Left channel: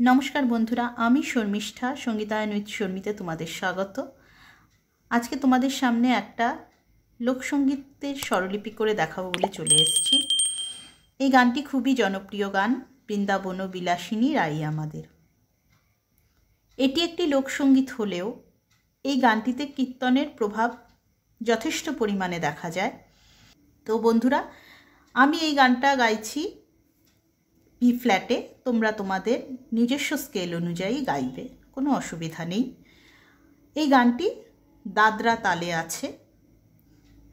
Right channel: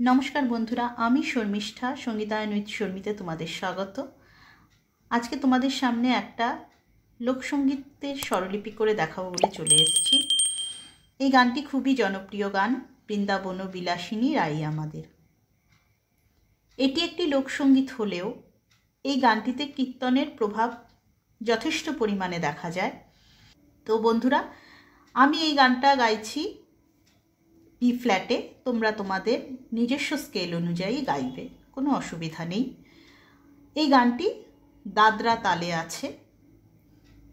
नमस्कार बंधुरा, आमी शर्मिष्ठा संगीतायन उइथ शर्मिते तुम्हादेर स्वागत। आज के तुम्हादेर सामने एकटा लोकसंगीतेर स्वरलिपि करे देखाबो बोले चले एसेछि। এই গানটি খুবই জনপ্রিয় গান, বৃন্দাবন বিলাসিনী রাই আমাদের। এটি একটি লোকসঙ্গীত হলেও এই গানটিতে কীর্তনের প্রভাব যথেষ্ট পরিমাণে দেখা যায়। তো বন্ধুরা, আমি এই গানটা গাইছি বি ফ্ল্যাটে, তোমরা তোমাদের নিজস্ব স্কেল অনুযায়ী গাইবে, কোনো অসুবিধা নেই। এই গানটি দাদরা তালে আছে।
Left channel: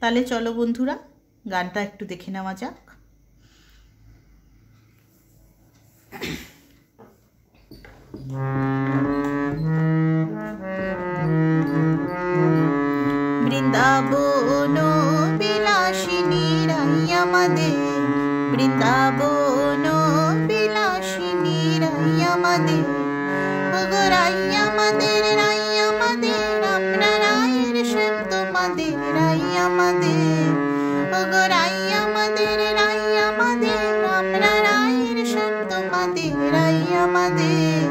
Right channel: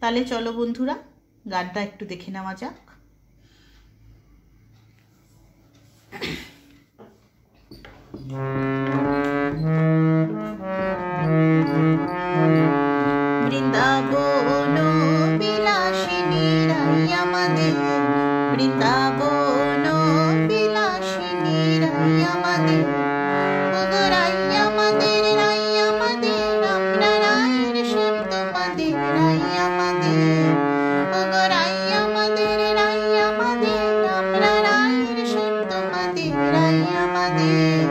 তাহলে চলো বন্ধুরা, গানটা একটু দেখে নেওয়া যাক। বৃন্দাবন বিলাসিনী রাই আমাদের, বৃন্দাবন বিলাসিনী রাই আমাদের, ওগো রাই আমাদের, রাই আমাদের, আমরা রায়ের শ্যাম তোমাদের রাই আমাদের, ওগো রাই আমাদের, রাই আমাদের, আমরা রায়ের শ্যাম তোমাদের রাই আমাদের,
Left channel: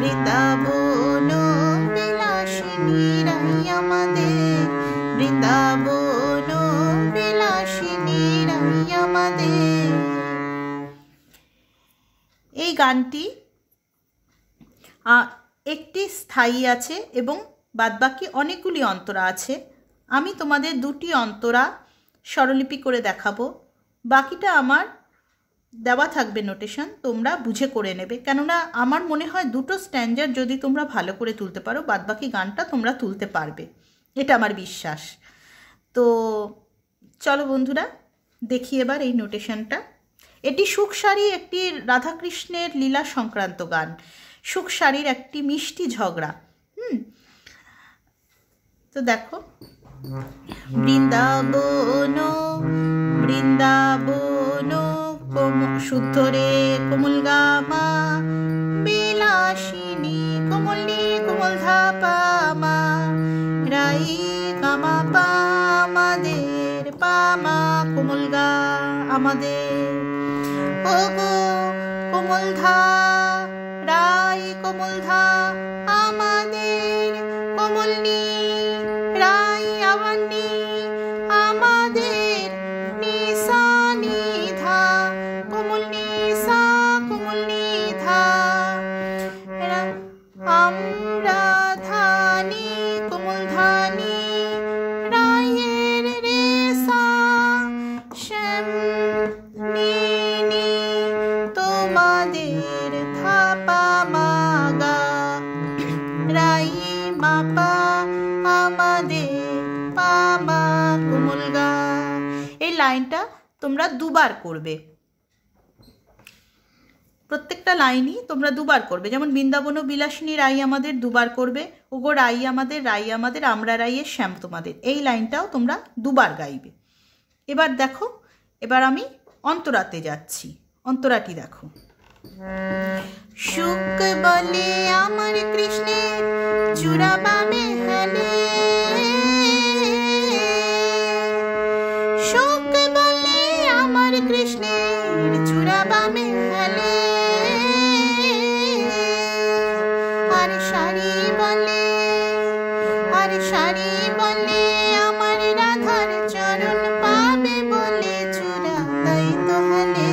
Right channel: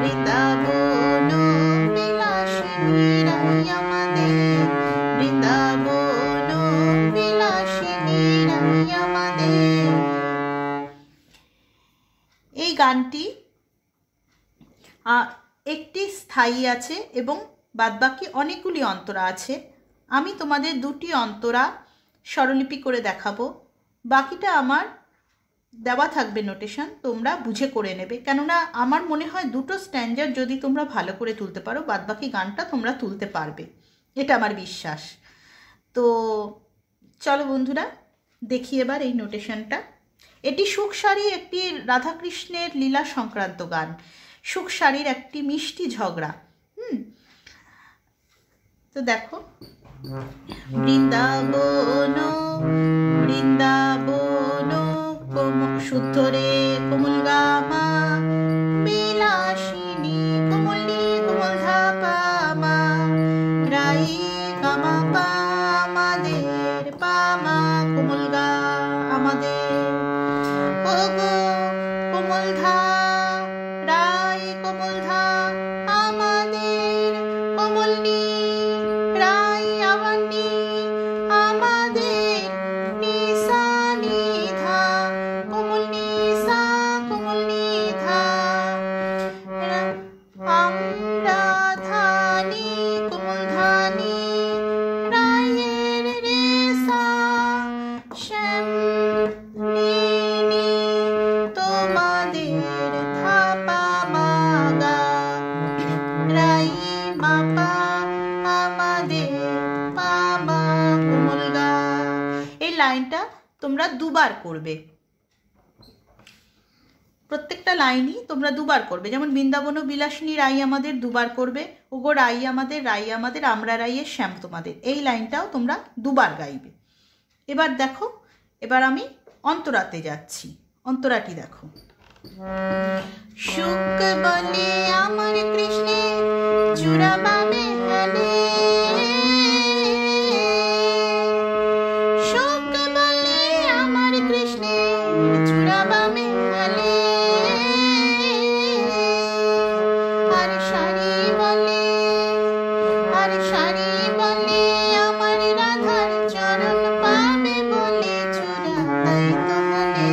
বৃন্দাবন বিলাসিনী রাই আমাদের, বৃন্দাবন বিলাসিনী রাই আমাদের। এই গানটি একটি স্থায়ী আছে এবং বাদবাকি অনেকগুলি অন্তরা আছে। আমি তোমাদের দুটি অন্তরা স্বরলিপি করে দেখাবো, বাকিটা আমার দেওয়া থাকবে নোটেশন, তোমরা বুঝে করে নেবে। কেননা আমার মনে হয় দুটো স্ট্যান্ডার্ড যদি তোমরা ভালো করে তুলতে পারো, বাদবাকি গানটা তোমরা তুলতে পারবে, এটা আমার বিশ্বাস। তো চলো বন্ধুরা, দেখি এবার এই নোটেশনটা। এটি সুখসারী একটি রাধাকৃষ্ণের লীলা সংক্রান্ত গান, সুখসারীর একটি মিষ্টি ঝগড়া। তো দেখো, বৃন্দাবন বৃন্দাবন শুদ্ধ রে কোমল গামা, বিলাসিনী কোমল নি কোমল ধাপা মা, রাই গামা পা আমাদের, পামা কোমল গা আমাদের, ওগো কোমল ধা রাই কোমল ধা আমাদের, কোমল নি রাই আবার নি আমাদের, নিসা নি ধা কোমল নি সা কোমল নি ধা, আমরা ধানি কোমল ধানি রায়ের রে সা, শ্যাম নি নি তোমাদের ধাপা মাগা, রাই মাপা আমাদের, পামা কোমল গা। এই লাইনটা তোমরা দুবার করবে, প্রত্যেকটা লাইনই তোমরা দুবার করবে। যেমন বৃন্দাবন বিলাসিনী রাই আমাদের দুবার করবে, ওগো রাই আমাদের, রাই আমাদের, আমরা রাইয়ের শ্যাম তোমাদের, এই লাইনটাও তোমরা দুবার গাইবে। এবার দেখো, এবার আমি অন্তরাতে যাচ্ছি। অন্তরাটি দেখো। সুখ বলে আমার কৃষ্ণের জুড়াবামে হালে, সুখ বলে আমার কৃষ্ণের জুড়াবামে হালে, আর শাড়ি বলে, আর শাড়ি বলে আমার রাধার চরণ পাবে বলে চূড়া তাই তো হলে,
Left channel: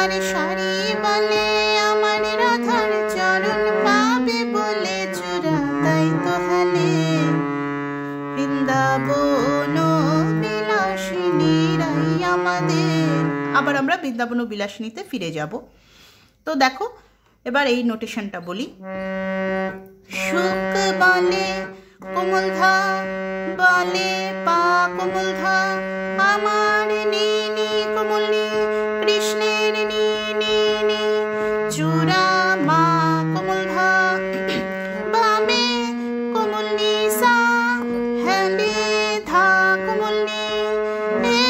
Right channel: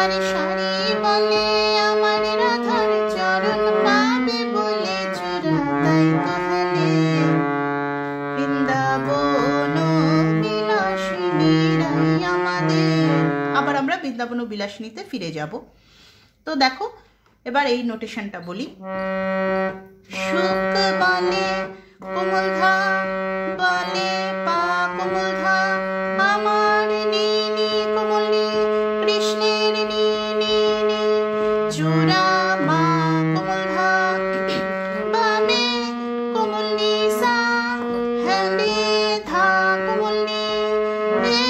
আর শাড়ি বলে আমার রাধার চরণ পাবে বলে চূড়া তাই তো হলে, বৃন্দাবন বিলাসিনী রাই আমাদের। আবার আমরা বৃন্দাবন বিলাসিনীতে ফিরে যাব। তো দেখো, এবার এই নোটেশনটা বলি। সুখ বলে কোমল ধা বলে পা কোমল ধা, আমার নি নি কোমল নি কৃষ্ণের নি নি নি, চূড়া মা কোমল ধা, বামে কোমল নি সা, হ্যালে ধা কোমল নি রে।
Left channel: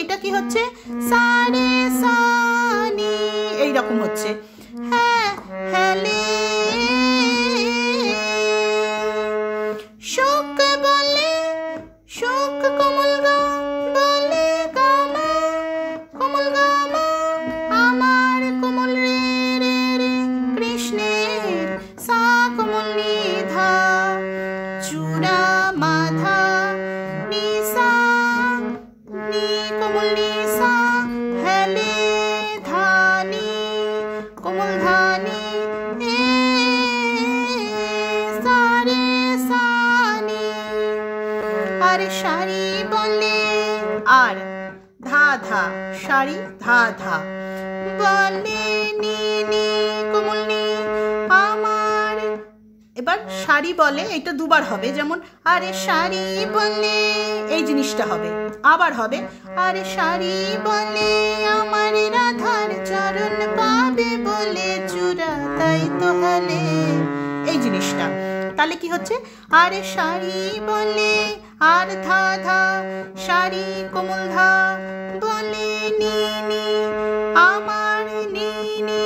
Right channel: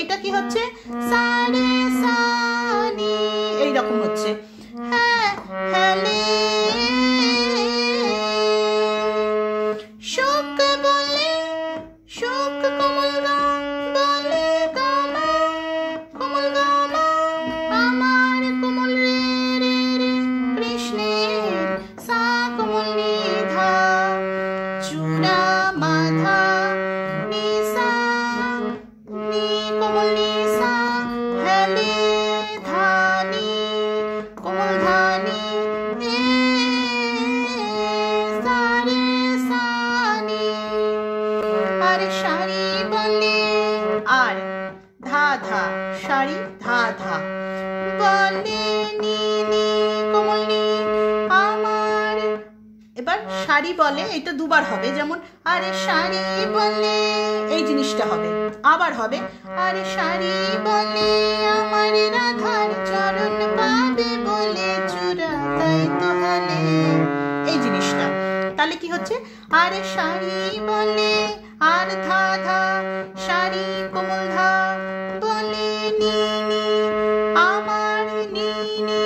এটা কি হচ্ছে? সা রে সা নি, এইরকম হচ্ছে। হ্যাঁ, হ্যালে মা ধা নি সা নি কোমল নি সা হেলে ধা নি কোমল ধা নি সা রে সা নি। আর সারি বলে আর ধা ধা সারি ধা ধা বলে নি নি কোমল নি আমার। এবার সারি বলে, এটা দুবার হবে, যেমন আরে সারি বলে এই জিনিসটা হবে, আবার হবে আরে সারি বলে আমার রাধার চরণ পাবে বলে চূড়া তাই তো হলে, এই জিনিসটা। তাহলে কি হচ্ছে আরে সারি বলে আর ধা ধা সারি কোমল ধা বলে নি নি আমার নি নি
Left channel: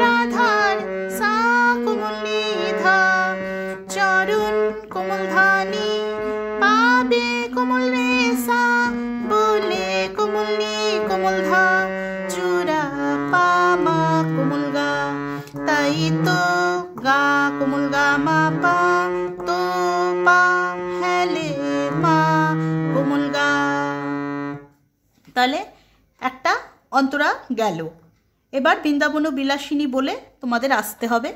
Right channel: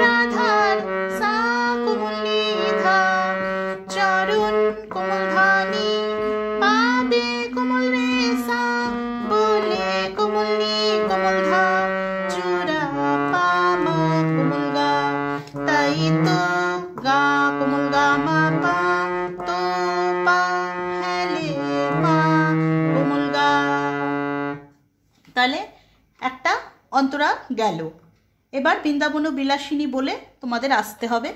রাধার সা কোমল নি ধা চরণ কোমল ধা নি পাবে কোমল রে সা বলে কোমল নি কোমল ধা চূড়া পা মা কোমল গা তাই তো গা কোমল গা মা পা তো পা হেলে পা কোমল গা। তাহলে একটা অন্তরা গেল। এবার বৃন্দাবন বিলাসিনী বলে তোমাদের আসতে হবে,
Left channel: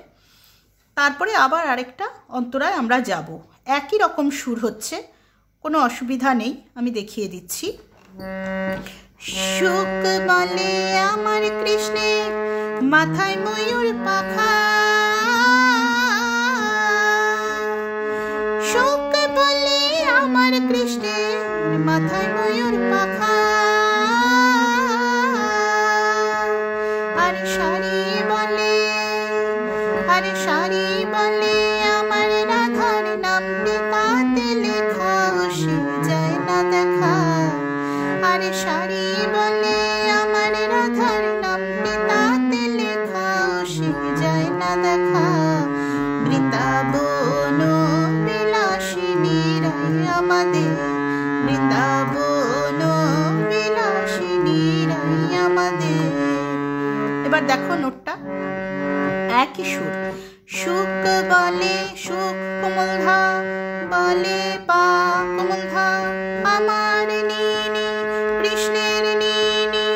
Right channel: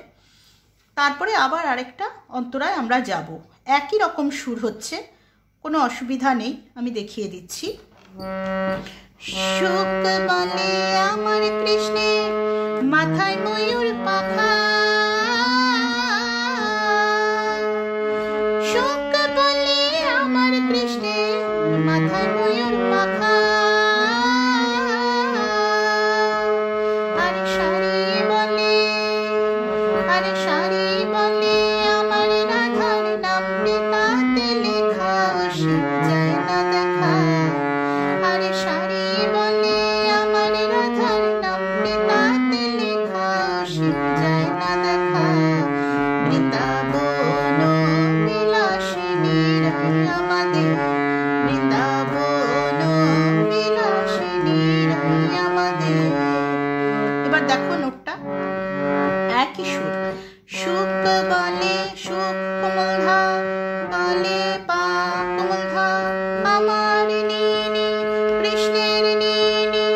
তারপরে আবার আরেকটা অন্তরায় আমরা যাব। একই রকম সুর হচ্ছে, কোনো অসুবিধা নেই, আমি দেখিয়ে দিচ্ছি। সুখ বলে আমার কৃষ্ণে মাথায় ময়ূর পাখা, সুখ বলে আমার কৃষ্ণে মাথায় ময়ূর পাখা। আরে সারি বলে আরে সারি বলে আমার রাধার নামটি তাতে লেখা সে যায় না দেখা। আরে সারি বলে আমার রাধার নামটি তাতে লেখা সে যায় না দেখা। বৃন্দাবন বিলাসিনী রাই আমাদের, বৃন্দাবন বিলাসিনী রাই আমাদের। এবার দেখো নোটটা একই সুর। সুখ বলে সুখ কোমল ধা বলে পা কোমল ধা আমার নি নি কৃষ্ণের নি নি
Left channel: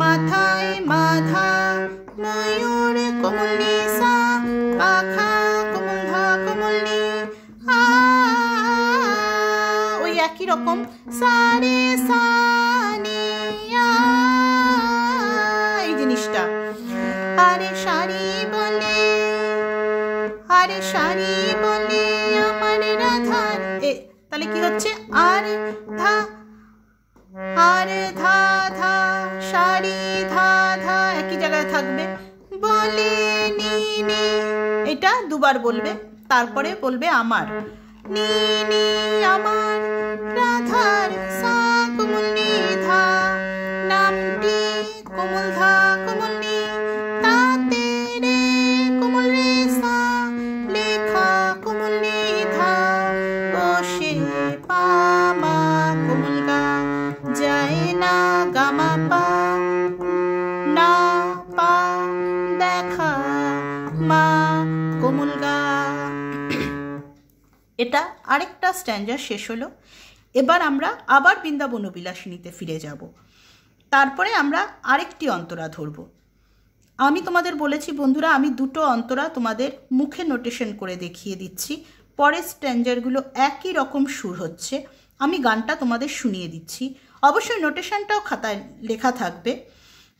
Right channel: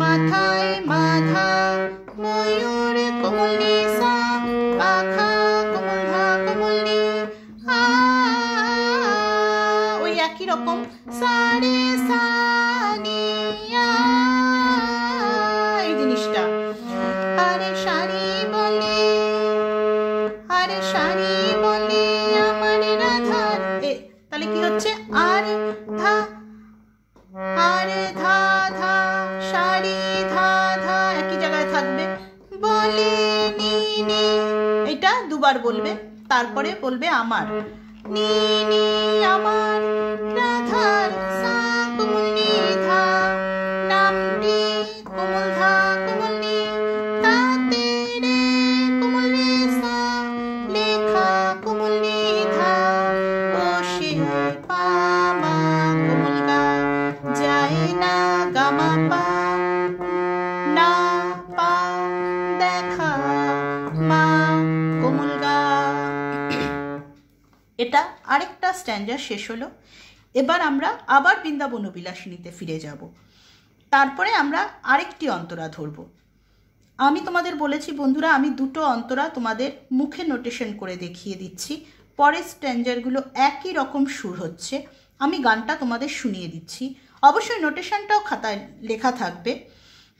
মাথায় মাধা ময়ূর কোমল নি সা পাখা কোমল ধা কোমল নি আ, ওই একই রকম সা রে সা নি আ, এই জিনিসটা। আরে সারি বলে আরে সারি বলে আমার রাধার তাহলে কি হচ্ছে আর ধা ধা সারি ধা ধা একই জায়গায় থাকবে বলে নি নি, এটা দুবার বলবে, তারপরে বলবে আমার নি নি আমার রাধার সা কোমল নি ধা নামটি কোমল ধা কোমল নি তাতে রে কোমল রে সা লেখা কোমল নি ধা ও সে পা মা কোমল গা যায় না গা মা পা না পা দেখা মা কোমল গা। এটা আরেকটা স্ট্যান্ডার শেষ হলো। এবার আমরা আবার বৃন্দাবন বিলাসিনীতে ফিরে যাব, তারপরে আমরা আরেকটি অন্তরা ধরব। আমি তোমাদের বলেছি বন্ধুরা, আমি দুটো অন্তরা তোমাদের মুখে নোটেশন করে দেখিয়ে দিচ্ছি। পরের স্ট্যান্ডারগুলো একই রকম সুর হচ্ছে, আমি গানটা তোমাদের শুনিয়ে দিচ্ছি। অবশ্যই নোটেশনটাও খাতায় লেখা থাকবে,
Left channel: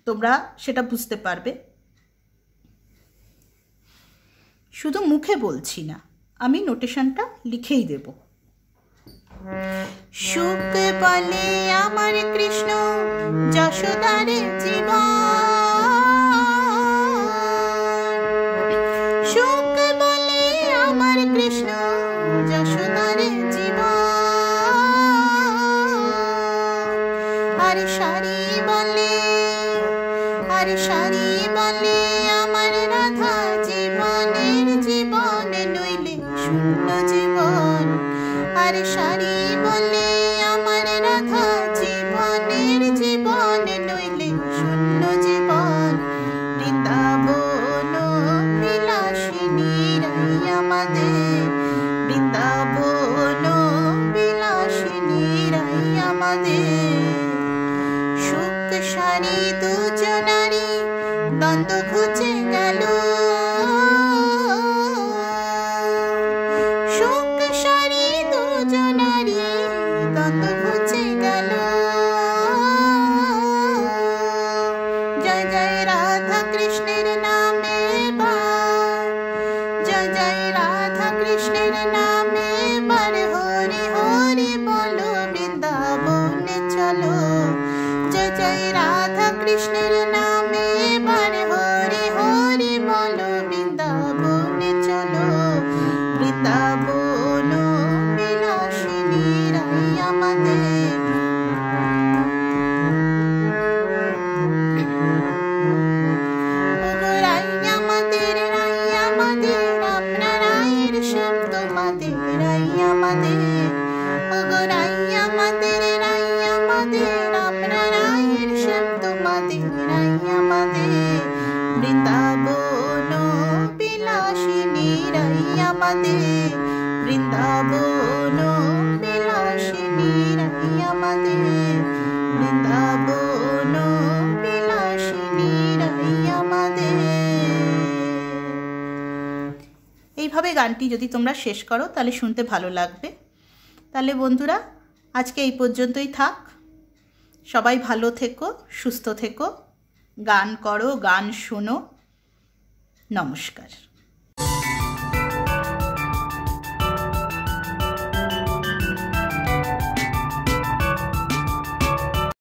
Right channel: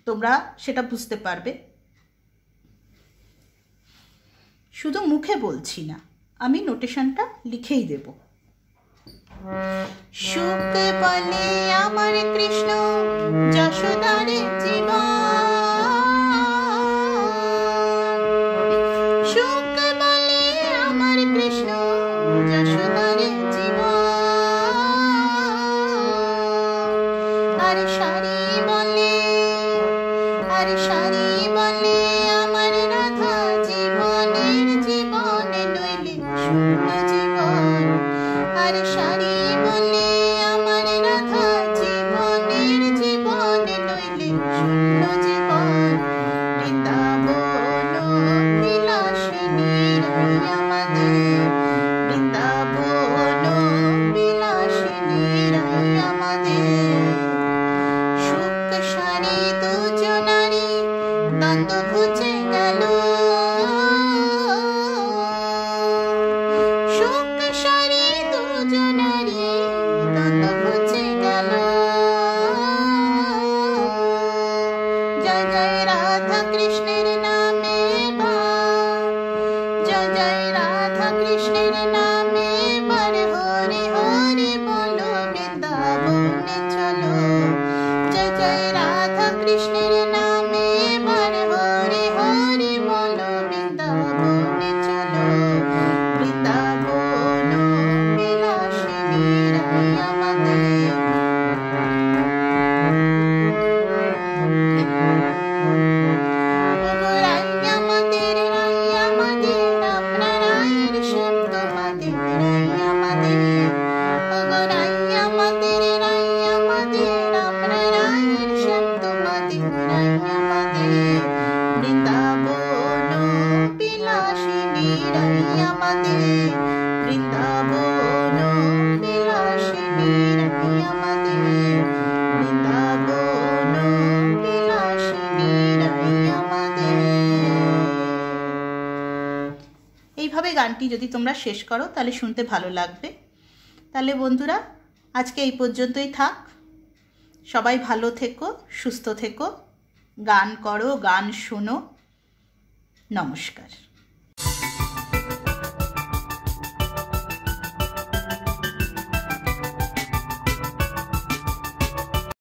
তোমরা সেটা বুঝতে পারবে। শুধু মুখে বলছি না, আমি নোটেশনটা লিখেই দেব। সুখ বলে আমার কৃষ্ণ যশোদার জীবন, সুখ বলে আমার কৃষ্ণ যশোদার জীবন। আরে সারি বলে আরে সারি বলে আমার রাধা জীবনের জীবন নইলে শূন্য জীবন। আরে সারি বলে আমার রাধা এইভাবে গানটি যদি তোমরা শেষ করো তাহলে শুনতে ভালো লাগবে। তাহলে বন্ধুরা আজকে এই পর্যন্তই থাক। সবাই ভালো থেকো, সুস্থ থেকো, গান করো, গান শোনো। নমস্কার।